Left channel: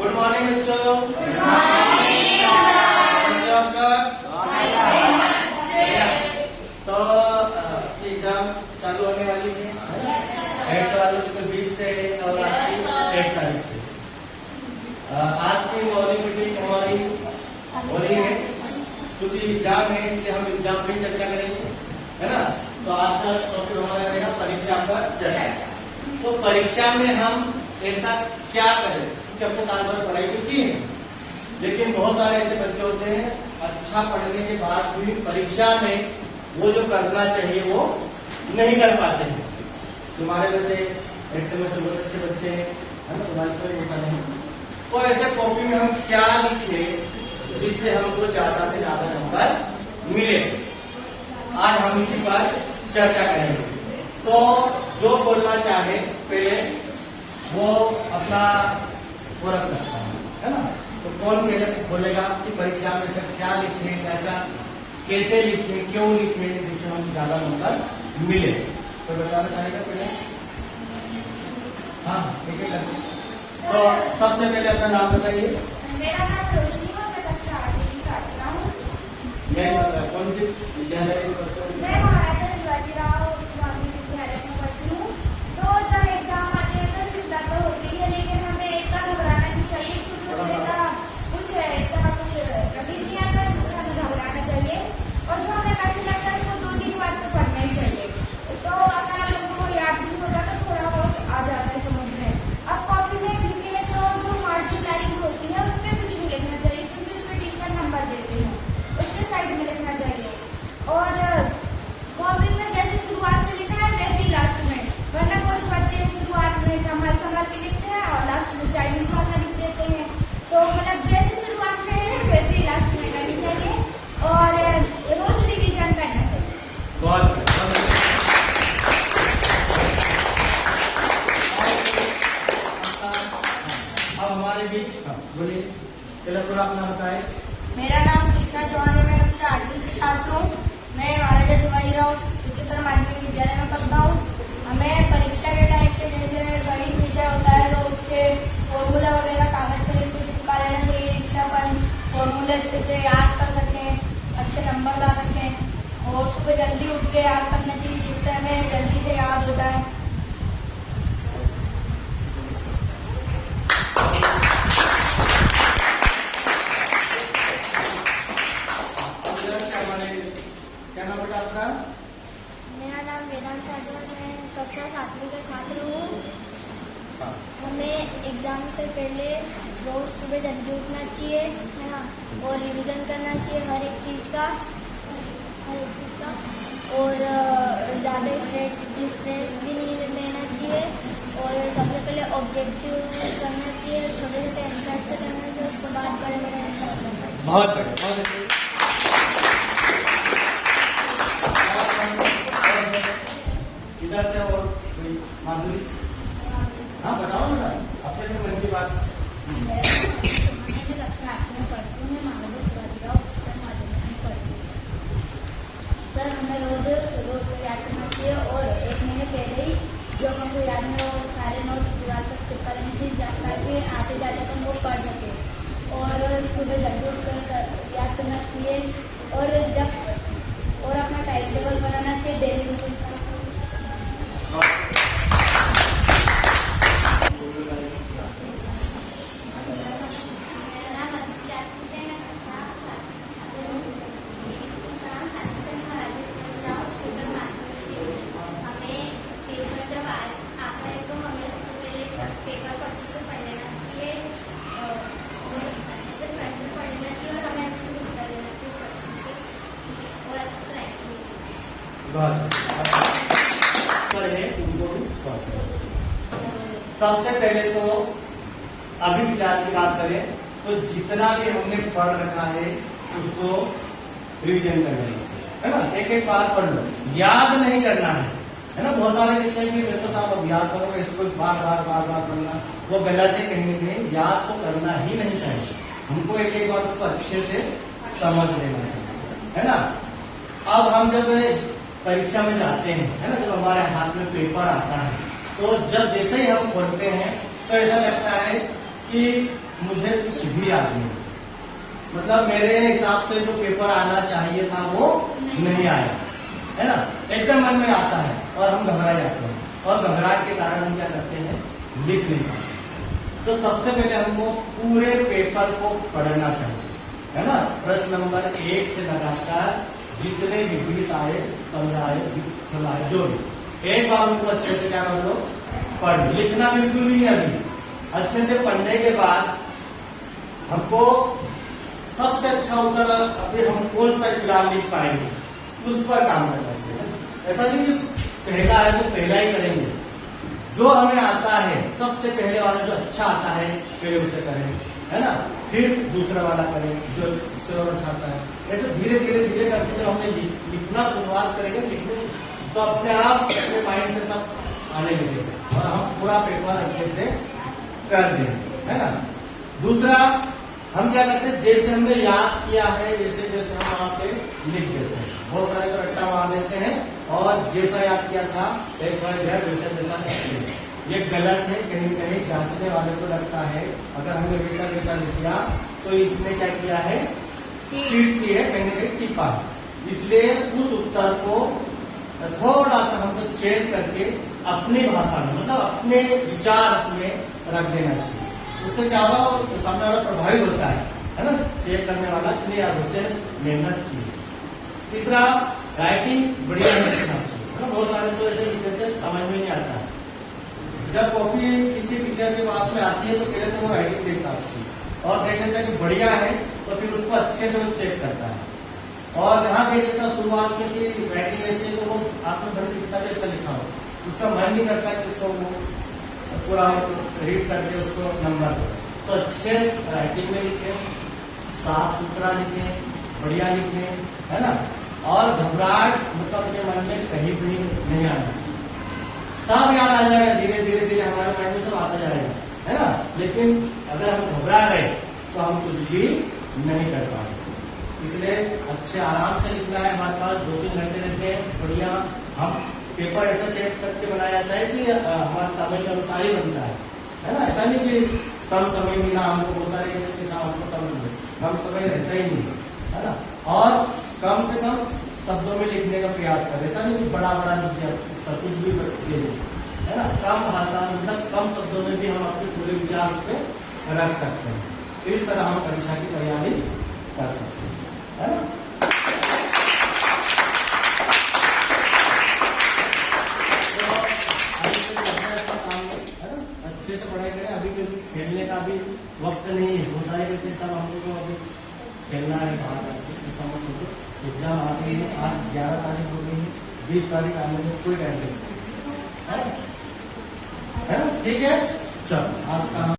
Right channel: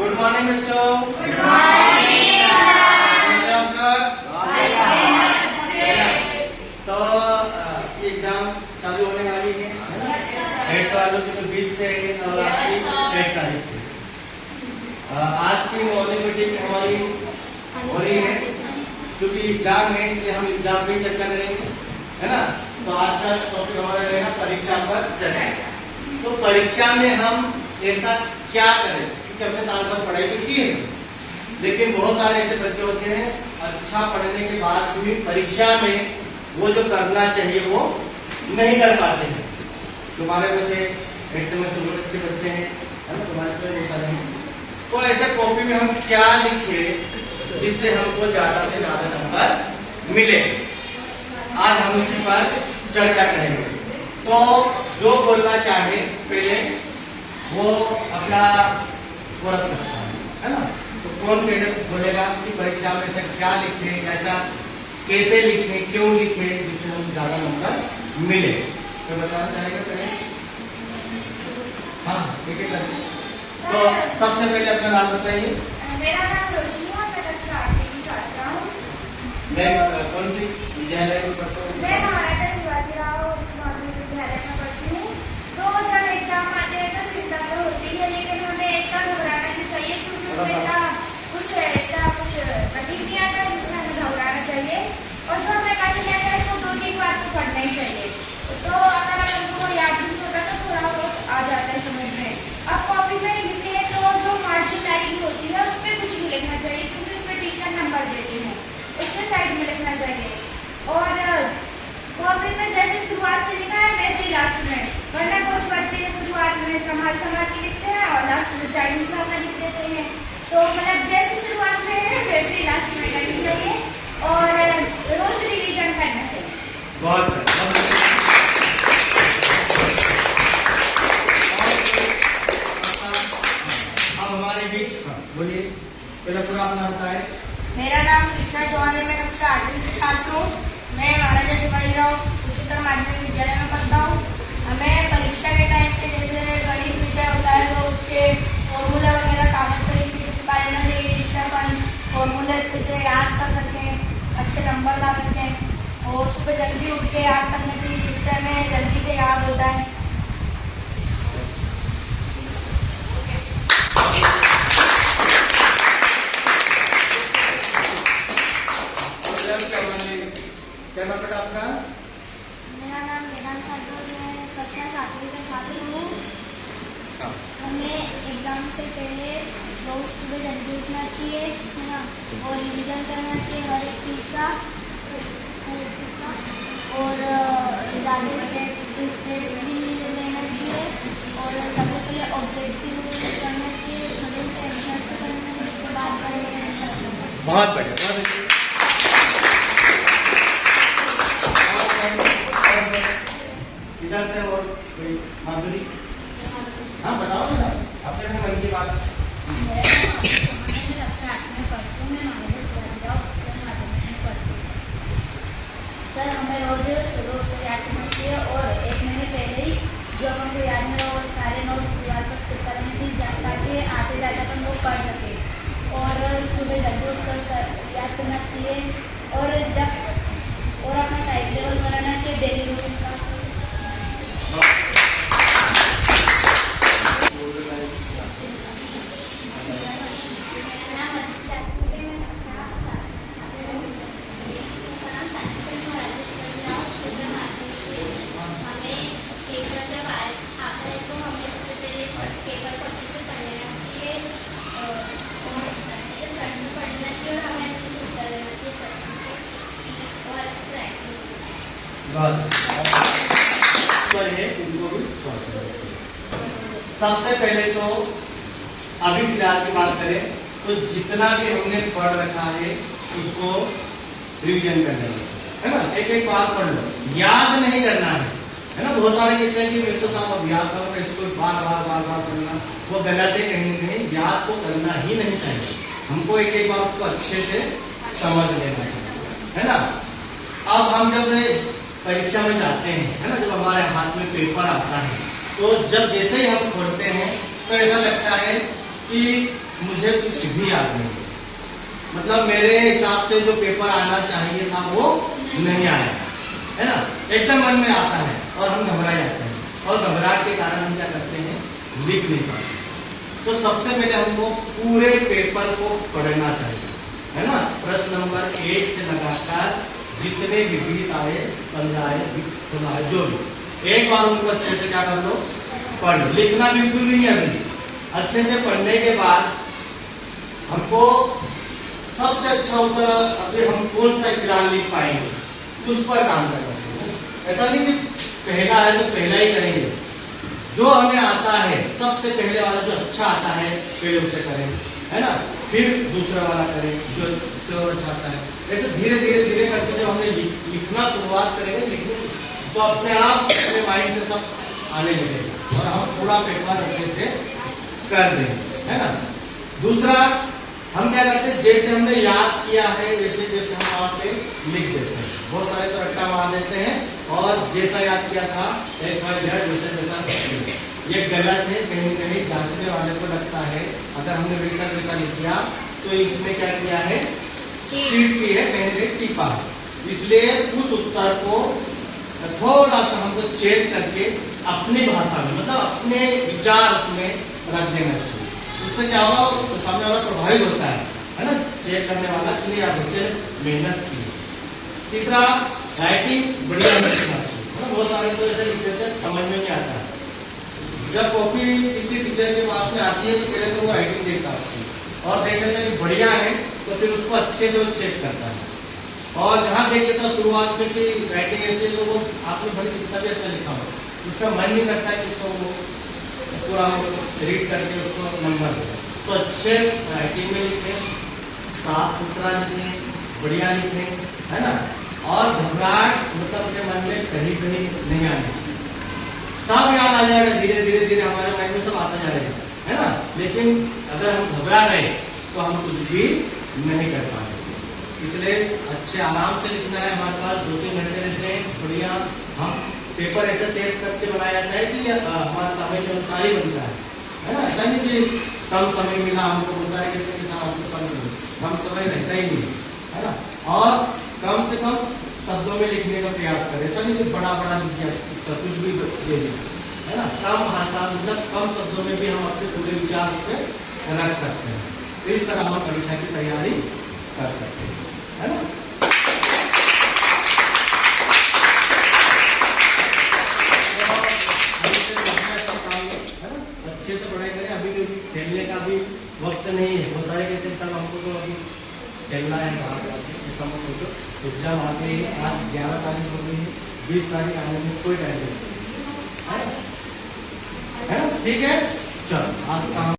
Good morning बच्चों। Good morning तो exam चालू होने वाली है 8 वालों की तो 20 से और आपकी 1 तारीख से। आज की मॉर्निंग मीटिंग हमारी हो रही है क्योंकि एग्जाम है, इसलिए हम एग्जाम की चर्चा करेंगे, है ना। तो आज का टॉपिक हमारा रहेगा परीक्षा पर चर्चा। तो परीक्षा में हम ऐसा क्या करें, क्योंकि हमने साल भर पढ़ाई तो की है, लेकिन बहुत सारे ऐसे बच्चे होते हैं अच्छा पढ़ने के बाद भी परीक्षा में वो जो करना चाहिए वो नहीं कर पाते हैं। तुम्हारे में से 8 में से बहुत अच्छे बच्चे हैं, है ना, तुम्हारे से बहुत सारे हैं। तो ऐसे कॉपी में हम क्या लिखे जिससे हमको ज्यादा से ज्यादा नंबर मिले, आज हम इसी पर चर्चा करेंगे। तो जो बोलना चाहे पहले वो अपना वो रख सकता है ना। तो कौन पहले बोलेगा कि परीक्षा में से क्या लिखे, कैसा कैसे लिखे, क्यों लिखे जिससे हम ज्यादा नंबर मिले, तो बताना चाहेगा पहले? हाँ ठीक है। तो सबसे पहले अपना नाम बताइए। मेरा नाम रोशनी है, मैं कक्षा 8 की छात्रा हूँ। मैं कौन सी विद्यालय में पढ़ता हूँ? मैं महाराजा शिवाजीराव माध्यमिक विद्यालय में पढ़ती हूँ। तो जब एग्जाम आते हैं तो चिंता तो होती है, लेकिन हमें इतना घबराना नहीं चाहिए क्योंकि उसमें इतना कुछ कठिन नहीं आता जिससे हमें घबराना चाहिए। और जो हमें कठिन आता है उसको 2-3 बार तो पढ़ना ही चाहिए। तो अगर हमको याद नहीं होता तो थोड़ा बहुत आ जाता है समझ में। अब कॉपी में लिखते हैं तो जो मार्जिन लाइन होती है उस पर कुछ नहीं लिखना चाहिए क्योंकि उस पर टीचर नंबर देते हैं, उसके साइड में लिखना चाहिए। और कॉपी में जैसे शुरुआत से लिखा है वैसे ही लास्ट में, वरना कुछ बच्चे शुरुआत में संभाल के लिखते हैं और लास्ट में चाइनीज भाषा लिख देते हैं। तो मतलब जैसे शुरुआत में है वैसे ही लास्ट में करनी चाहिए और रोज रिवीजन करना चाहिए। बहुत हमारे बीच बोलिए, पहले पूरा अपना बताए। मेरा नाम कृष्णा चौहान है, मैं कक्षा 8वीं की छात्र हूँ। मैं महाराजा शिवाजीराव उच्चतर माध्यमिक विद्यालय में पढ़ता हूँ। हमें परीक्षा के टाइम पे जैसे गणित विषय होता है तो उसके फॉर्मूला वगैरह कागज पर लिख के चिपका देना चाहिए जिससे अपन फॉर्मूले अच्छे से याद कर सकें, अच्छे नंबर ला सकें। और सुबह जल्दी उठ के याद करना चाहिए जिससे हमें जल्दी से याद होता है। क्या नाम बेटा आपका? मेरा नाम वेदांत सागर, मैं कक्षा 7वीं का छात्र हूँ। हमें एग्जाम से पहले रोज सुबह जल्दी उठना चाहिए, है ना, और रिवीजन करना चाहिए हर एक चीज़ का। और ज़्यादा स्ट्रेस भी नहीं लेना चाहिए और सबसे पहले ऑब्जेक्टिव करना चाहिए, छोटे छोटे आंसर से करना चाहिए, उसके बाद बड़े बड़े आंसर करना चाहिए। बहुत बढ़िया, बहुत अच्छे। इधर से और कोई माधुरी? हाँ बताओ ना अपने से मन की बात। मैं कक्षा 8 में पढ़ती हूँ, मैं महाराजा शिवाजीराव उच्चतर माध्यमिक में पढ़ती हूँ। सर हमें रोज सुबह उठ कर याद करना चाहिए और 1 महीने पहले ही जो अपन को याद में और सारे नोट्स दीवार पर चिपका देने से ताकि आते जाते अपन वो पढ़ सके। और सुबह जल्दी उठकर याद करना चाहिए और अपना टाइम टेबल बनाना चाहिए डेली रूटीन का। सबसे पहले तो अभी फिलहाल की बात करें तो जितना भी हमने पढ़ रखा है उसको रिवीजन करना है ना। एक एक बात पढ़ लो, याद नहीं करना है ना। बहुत सारे कहते हैं कि मैं तो सब अब याद करूंगा, इसको बार बार पढ़ना, वो गलत है। कहीं ना कहीं याद तो करना ही नहीं चाहिए, हमको एक एक बार उसको अच्छे से समझ लेना चाहिए, है ना। अब हम जब परीक्षा में जाते हैं, है ना, जब हमारे हाथ में पेपर आता है तो जब जैसे ही हम खोलते हैं तो ऐसा लगता है कि मुझे कुछ भी याद नहीं, मतलब मेरे हिसाब से जो पेपर आना चाहिए था वो नहीं आया, है ना। एकदम मन में आता है और हम घबरा जाते हैं, और घबराहट के कारण हम क्या करते हैं, लिख नहीं पाते। तो सबसे पहले हमको पूरे पेपर को पढ़ना चाहिए, है ना। प्रश्न नंबर 1 से लगातार जितने भी 20 आए, 15 आए, 16 आए, जो भी, एक बार उनको अच्छे से क्या कर लो, पढ़ लो। लिखना बिल्कुल भी नहीं अभी। अच्छे से पढ़ने के बाद हमको सबसे अच्छा उत्तर अभी हम कौन सा फिलहाल लिख पाएंगे उस पर काम करना चाहिए। ऐसा नहीं कि पहला है तो पहला ही करेंगे, जो हमें आता है सबसे पहले वाला जो अच्छा आता है पहले उसे करें, है ना। फिर दूसरा वाला करें जो उससे और अच्छा आता है। ऐसे धीरे धीरे धीरे करके जब हमने लिखना शुरुआत करेंगे, लिखने तो अपने आप अपने माइंड से सब आने लगेगा और हम पूरा पेपर अच्छे से कर देंगे, है ना। दूसरा, हम क्या करते हैं, जैसे हमने याद किया है वैसे वैसे हम वहाँ पे लिख देते हैं। बहुत सारे तो रट्टा मार देते हैं और जैसा याद किया था वैसा वैसा करते हैं। ये गलत है, कहीं न कहीं जांचने वाले को लगता है अगर हमने वैसा वैसा लिख दिया तो इसमें क्या किया है, चीट की है, कहीं न कहीं टिपा। इसलिए उस उत्तर को थोड़ा सा हमको चेक करके अपनी भाषा में, मतलब अपने विचार में रख देना चाहिए। उससे क्या होगा, सामने वाला प्रभावित होता है ना, चेक करने वाला कि नहीं, बच्चे ने मेहनत की। तीसरा, राइटिंग बढ़िया लिखना चाहिए, है ना। बहुत सारे तो ऐसे लिख देते हैं, समझ में नहीं आता है। जब कॉपी किसी टीचर के पास में आती है तो पहले तो वो राइटिंग देखता है और देख लेता है कि बढ़िया है, तो फिर उसको अच्छे से वो चेक करता है। और जहाँ देख लेता शुरुआत में कि राइटिंग ऐसी है, तो वो आपने भले कितना भी अच्छा लिखा हो, उसका मन नहीं करता कि उसको वो पूरा रीड करके उसको नंबर दे। तो अच्छे राइटिंग में लिखें, साफ सुथरा लिखें, बढ़िया लिखें, है ना। और घबराहट मतलब अपने मन में कहीं भी नहीं आनी, सब याद आ जाएगा, धीरे धीरे धीरे हमारे माइंड में सब आता जाएगा, है ना। लेकिन अगर हम घबरा गए तो हम कुछ भी नहीं कर पाएंगे। इसलिए अच्छे आराम से लिखना है। हमारे पास 2-3 घंटे रहते हैं, बढ़िया हम पेपर ऐसे सेट करके बनाया जाता है कि हमारे समय के अनुसार ही बनता है ना। ऐसा नहीं कि कम समय मिला हमको, बहुत सारे कहते हैं कि हमको कम समय रहता ही नहीं, है ना। और कम से कम शब्दों में लिखने का प्रयास करें। ऐसा नहीं कि बड़ा बड़ा लिख दिया तो कुछ भी दे दिया, है ना। कम भाषा, मतलब कम शब्दों में भी हम अपने पूरे विचार पे रख सकते हैं। इस तरह हम परीक्षा की तैयारी कर सकते हैं, है ना। अच्छे से पढ़ाई करें। अभी खेलने का भी वक्त नहीं है। बहुत सारे कहते हैं सर हमको तो अभी खेलना है, बाहर जाके ऐसा मत सोचो। एग्जाम आ गई है, आज 11 तारीख हो गई है, 20 तारीख आने में कोई टाइम नहीं है ना। ठीक है, चलो आज का